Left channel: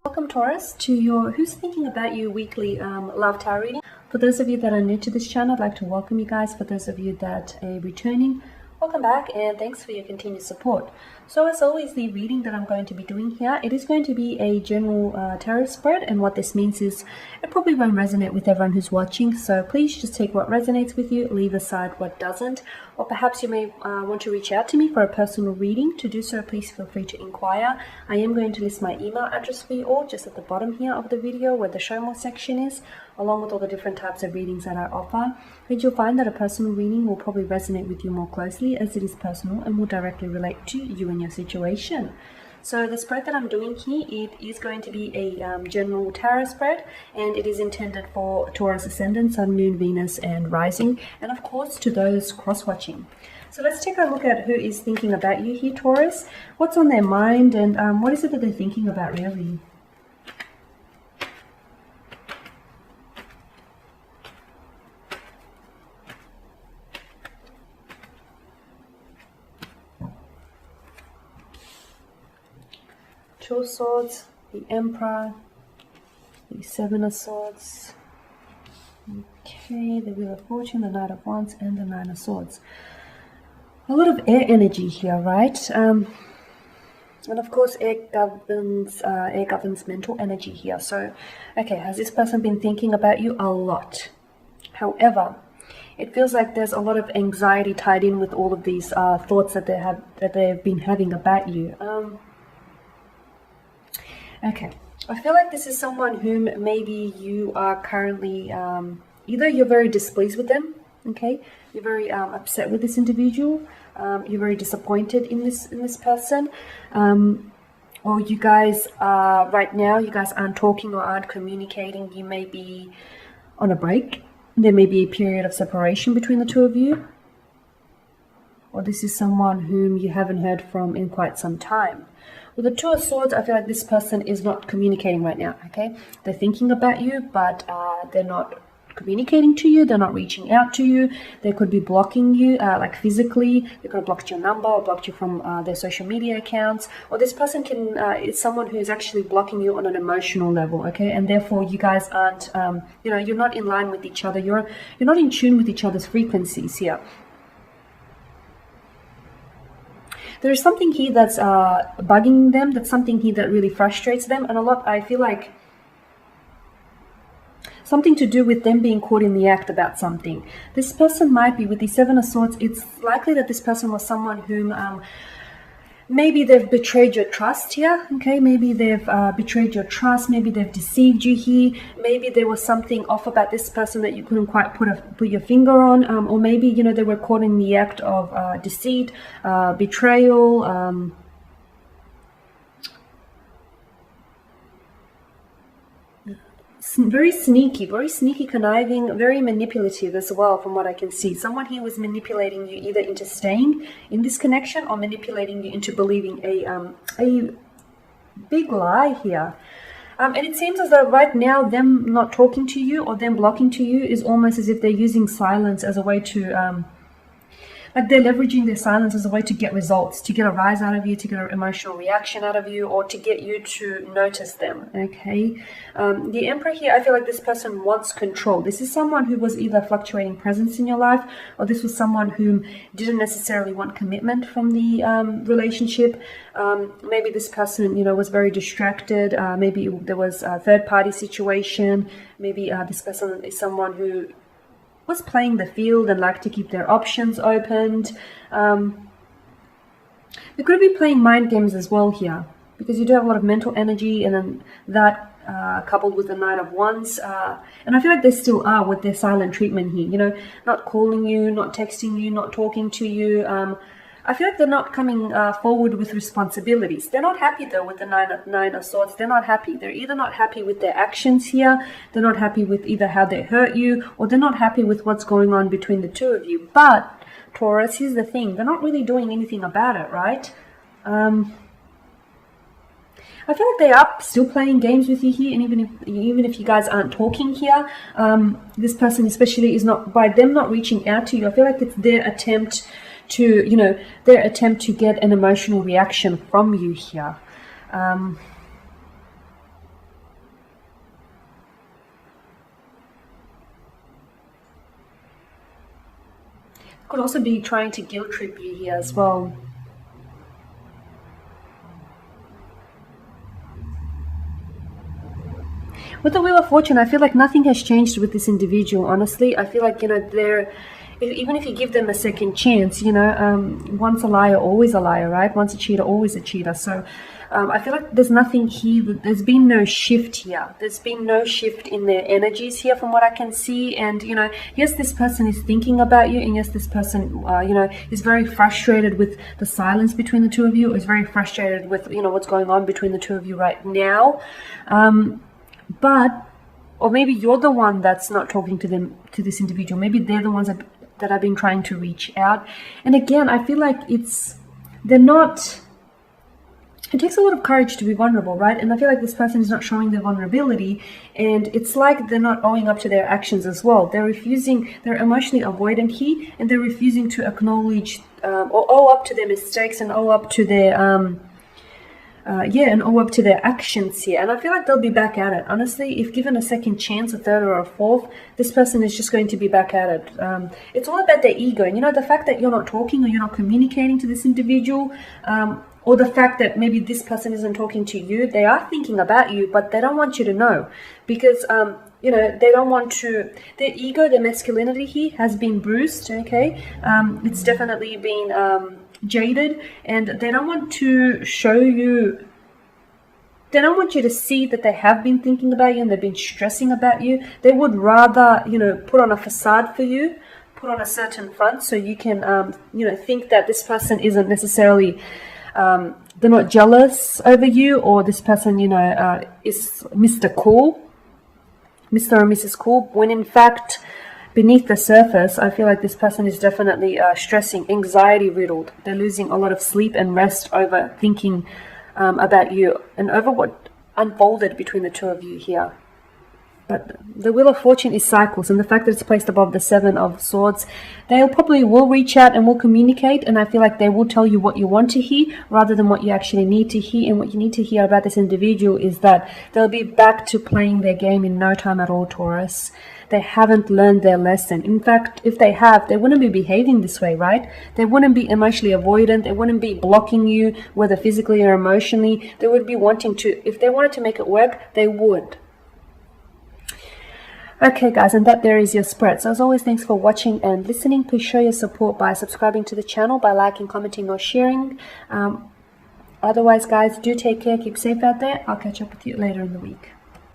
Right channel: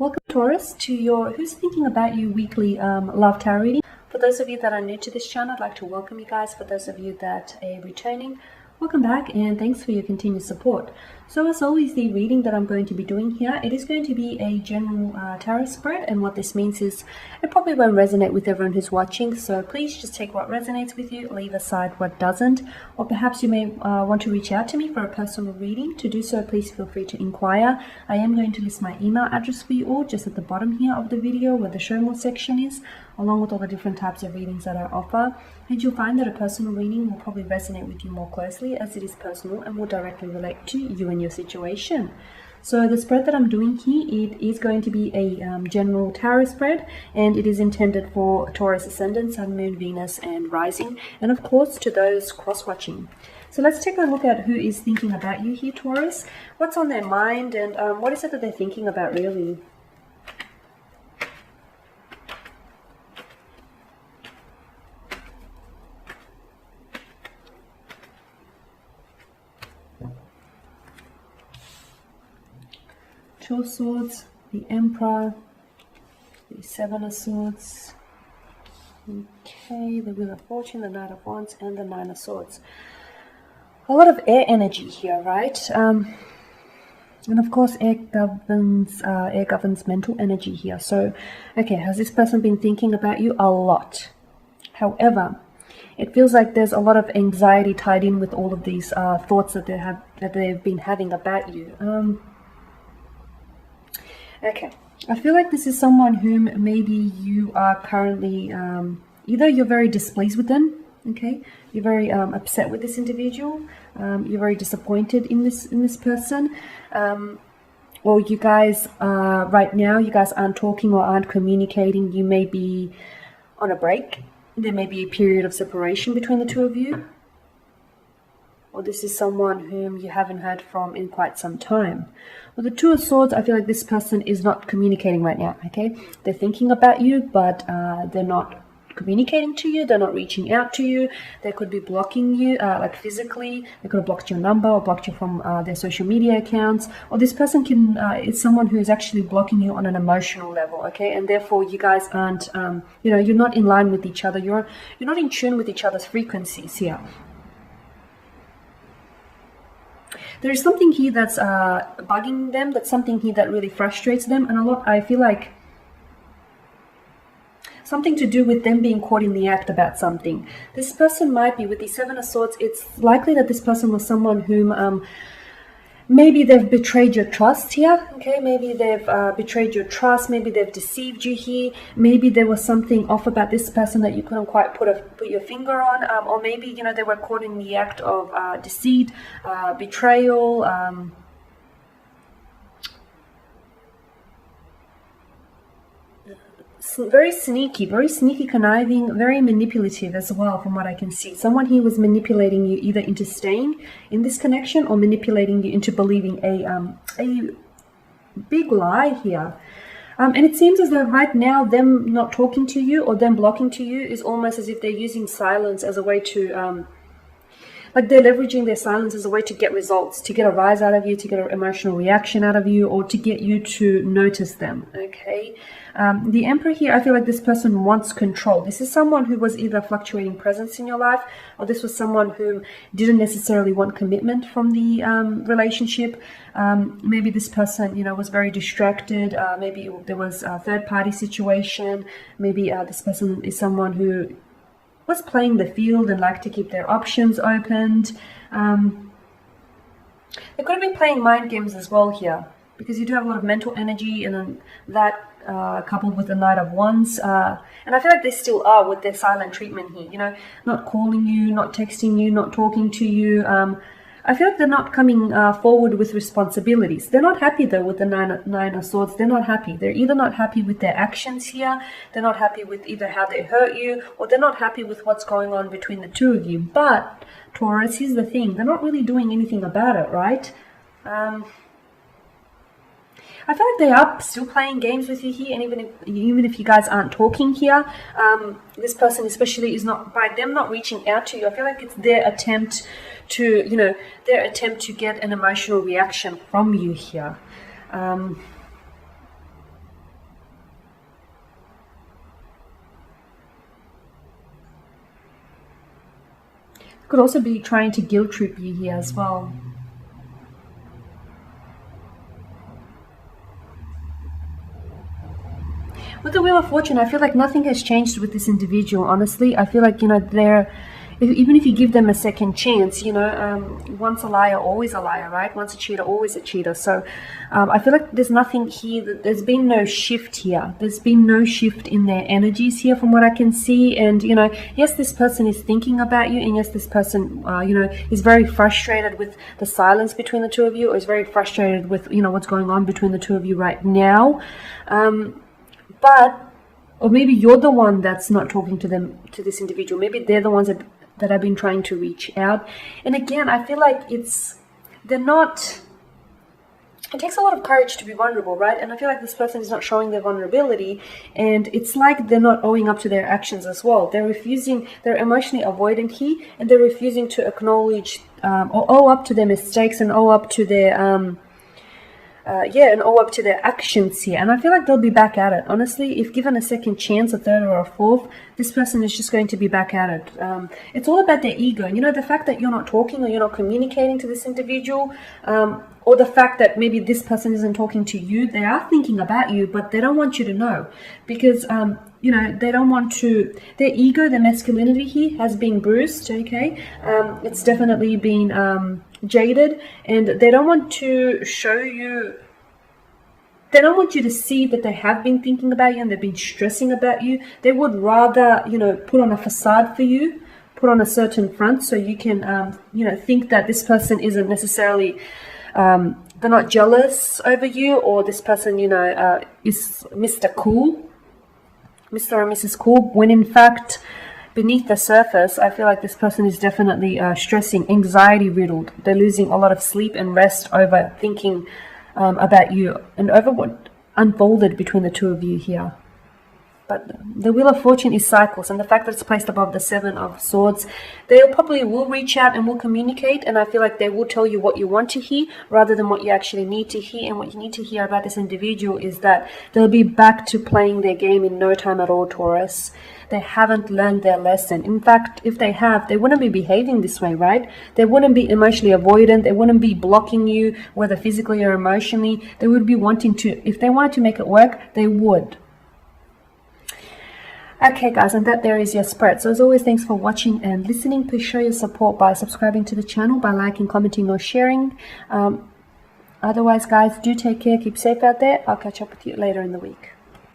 Welcome Taurus to your Who's Thinking About You weekly love tarot reading. For those of you that are new to this channel, I'd like to welcome you guys. For those of you that are returning, welcome back and thanks for your continued support. So as always, the reading that I'm going to be doing here, it is going to be a general tarot spread, and what this means is it probably won't resonate with everyone who's watching, so please just take what resonates with you, leave aside what doesn't, or perhaps you may want to reach out to me for a personal reading. To do so, please feel free to inquire. I am going to list my email address for you all just at the bottom here of the video where the show more section is, along with all the different types of readings that I offer. And you'll find that a personal reading will probably resonate with you more closely as it is personal and will directly relate to you and your situation. So the spread that I'm doing here, it is going to be a general tarot spread, and it is intended for Taurus ascendant, Sun, Moon, Venus, and Rising, and of course to those cross-watching. So let's take a look at who is thinking about you here, Taurus. What's on their mind, and what is it that they're thinking about really? Two of Swords, the Emperor, the Seven of Swords, okay, the Wheel of Fortune, the Knight of Wands, and the Nine of Swords. A lot of air energy here, right? And of course, air governs mental energy here. So, okay, has this person been thinking about you? A lot. However, it feels like there's a lot of anxiety tied in with all of these thoughts that they've been having about you. Okay, I feel like this is someone whom maybe you are currently, either you're very displeased with them, okay, you're very upset with this individual, you're very disappointed in this person, or you guys are, right now, you guys aren't talking or aren't communicating. You may be on a break. There may be a period of separation between the two of you, or this is someone whom you haven't heard from in quite some time. With the Two of Swords, I feel like this person is not communicating right now, okay? They're thinking about you, but they're not communicating to you. They're not reaching out to you. They could be blocking you, like physically. They could have blocked your number or blocked you from their social media accounts. Or this person is someone who is actually blocking you on an emotional level, okay? And therefore, you guys aren't, you're not in line with each other. You're not in tune with each other's frequencies here. There's something here that's bugging them. That's something here that really frustrates them. And I feel like something to do with them being caught in the act about something. This person might be, with the Seven of Swords, it's likely that this person was someone whom maybe they've betrayed your trust here, okay? Maybe they've betrayed your trust. Maybe they've deceived you here. Maybe there was something off about this person that you couldn't quite put your finger on. Or maybe, they were caught in the act of deceit, betrayal, very sneaky, conniving, very manipulative as well, from what I can see. Someone here was manipulating you either into staying in this connection or manipulating you into believing a big lie here. And it seems as though right now them not talking to you or them blocking to you is almost as if they're using silence as a way to like they're leveraging their silence as a way to get results, to get a rise out of you, to get an emotional reaction out of you, or to get you to notice them, okay? The Emperor here, I feel like this person wants control. This is someone who was either fluctuating presence in your life, or this was someone who didn't necessarily want commitment from the relationship. Maybe this person, was very distracted. Maybe there was a third-party situation. Maybe this person is someone who was playing the field and like to keep their options opened. They could have been playing mind games as well here, because you do have a lot of mental energy, and then that coupled with the Knight of Wands, and I feel like they still are with their silent treatment here, not calling you, not texting you, not talking to you. I feel like they're not coming forward with responsibilities. They're not happy though with the Nine of Swords. They're not happy. They're either not happy with their actions here, they're not happy with either how they hurt you, or they're not happy with what's going on between the two of you. But Taurus, here's the thing, they're not really doing anything about it, right? I feel like they are still playing games with you here, and even if you guys aren't talking here, this person especially is not, by them not reaching out to you, I feel like it's their attempt to, get an emotional reaction from you here. Could also be trying to guilt trip you here as well. With the Wheel of Fortune, I feel like nothing has changed with this individual, honestly. I feel like, they're, even if you give them a second chance, once a liar, always a liar, right? Once a cheater, always a cheater. So I feel like there's nothing here, there's been no shift here. There's been no shift in their energies here from what I can see. And, yes, this person is thinking about you. And yes, this person, is very frustrated with the silence between the two of you, or is very frustrated with, what's going on between the two of you right now. Or maybe you're the one that's not talking to this individual. Maybe they're the ones that have been trying to reach out. And again, I feel like it takes a lot of courage to be vulnerable, right? And I feel like this person is not showing their vulnerability, and it's like they're not owing up to their actions as well. They're emotionally avoidant here, and they're refusing to acknowledge or owe up to their mistakes and owe up to their and owe up to their actions here. And I feel like they'll be back at it. Honestly, if given a second chance, a third or a fourth, this person is just going to be back at it. It's all about their ego. And, the fact that you're not talking or you're not communicating to this individual, or the fact that maybe this person isn't talking to you, they are thinking about you, but they don't want you to know. Because, they don't want to, their ego, their masculinity here has been bruised, okay? It's definitely been jaded, and they don't want to show you, they don't want you to see that they have been thinking about you and they've been stressing about you. They would rather, put on a facade for you, put on a certain front, so you can, think that this person isn't necessarily, they're not jealous over you, or this person, is Mr. Cool, Mr. or Mrs. Cool, when in fact, beneath the surface, I feel like this person is definitely stressing, anxiety riddled. They're losing a lot of sleep and rest over thinking about you and over what unfolded between the two of you here. But the Wheel of Fortune is cycles, and the fact that it's placed above the Seven of Swords, they probably will reach out and will communicate, and I feel like they will tell you what you want to hear rather than what you actually need to hear. And what you need to hear about this individual is that they'll be back to playing their game in no time at all, Taurus. They haven't learned their lesson. In fact, if they have, they wouldn't be behaving this way, right? They wouldn't be emotionally avoidant. They wouldn't be blocking you, whether physically or emotionally. They would be wanting to, if they wanted to make it work, they would. Okay, guys, and that there is your spread. So as always, thanks for watching and listening. Please show your support by subscribing to the channel, by liking, commenting, or sharing. Otherwise, guys, do take care. Keep safe out there. I'll catch up with you later in the week.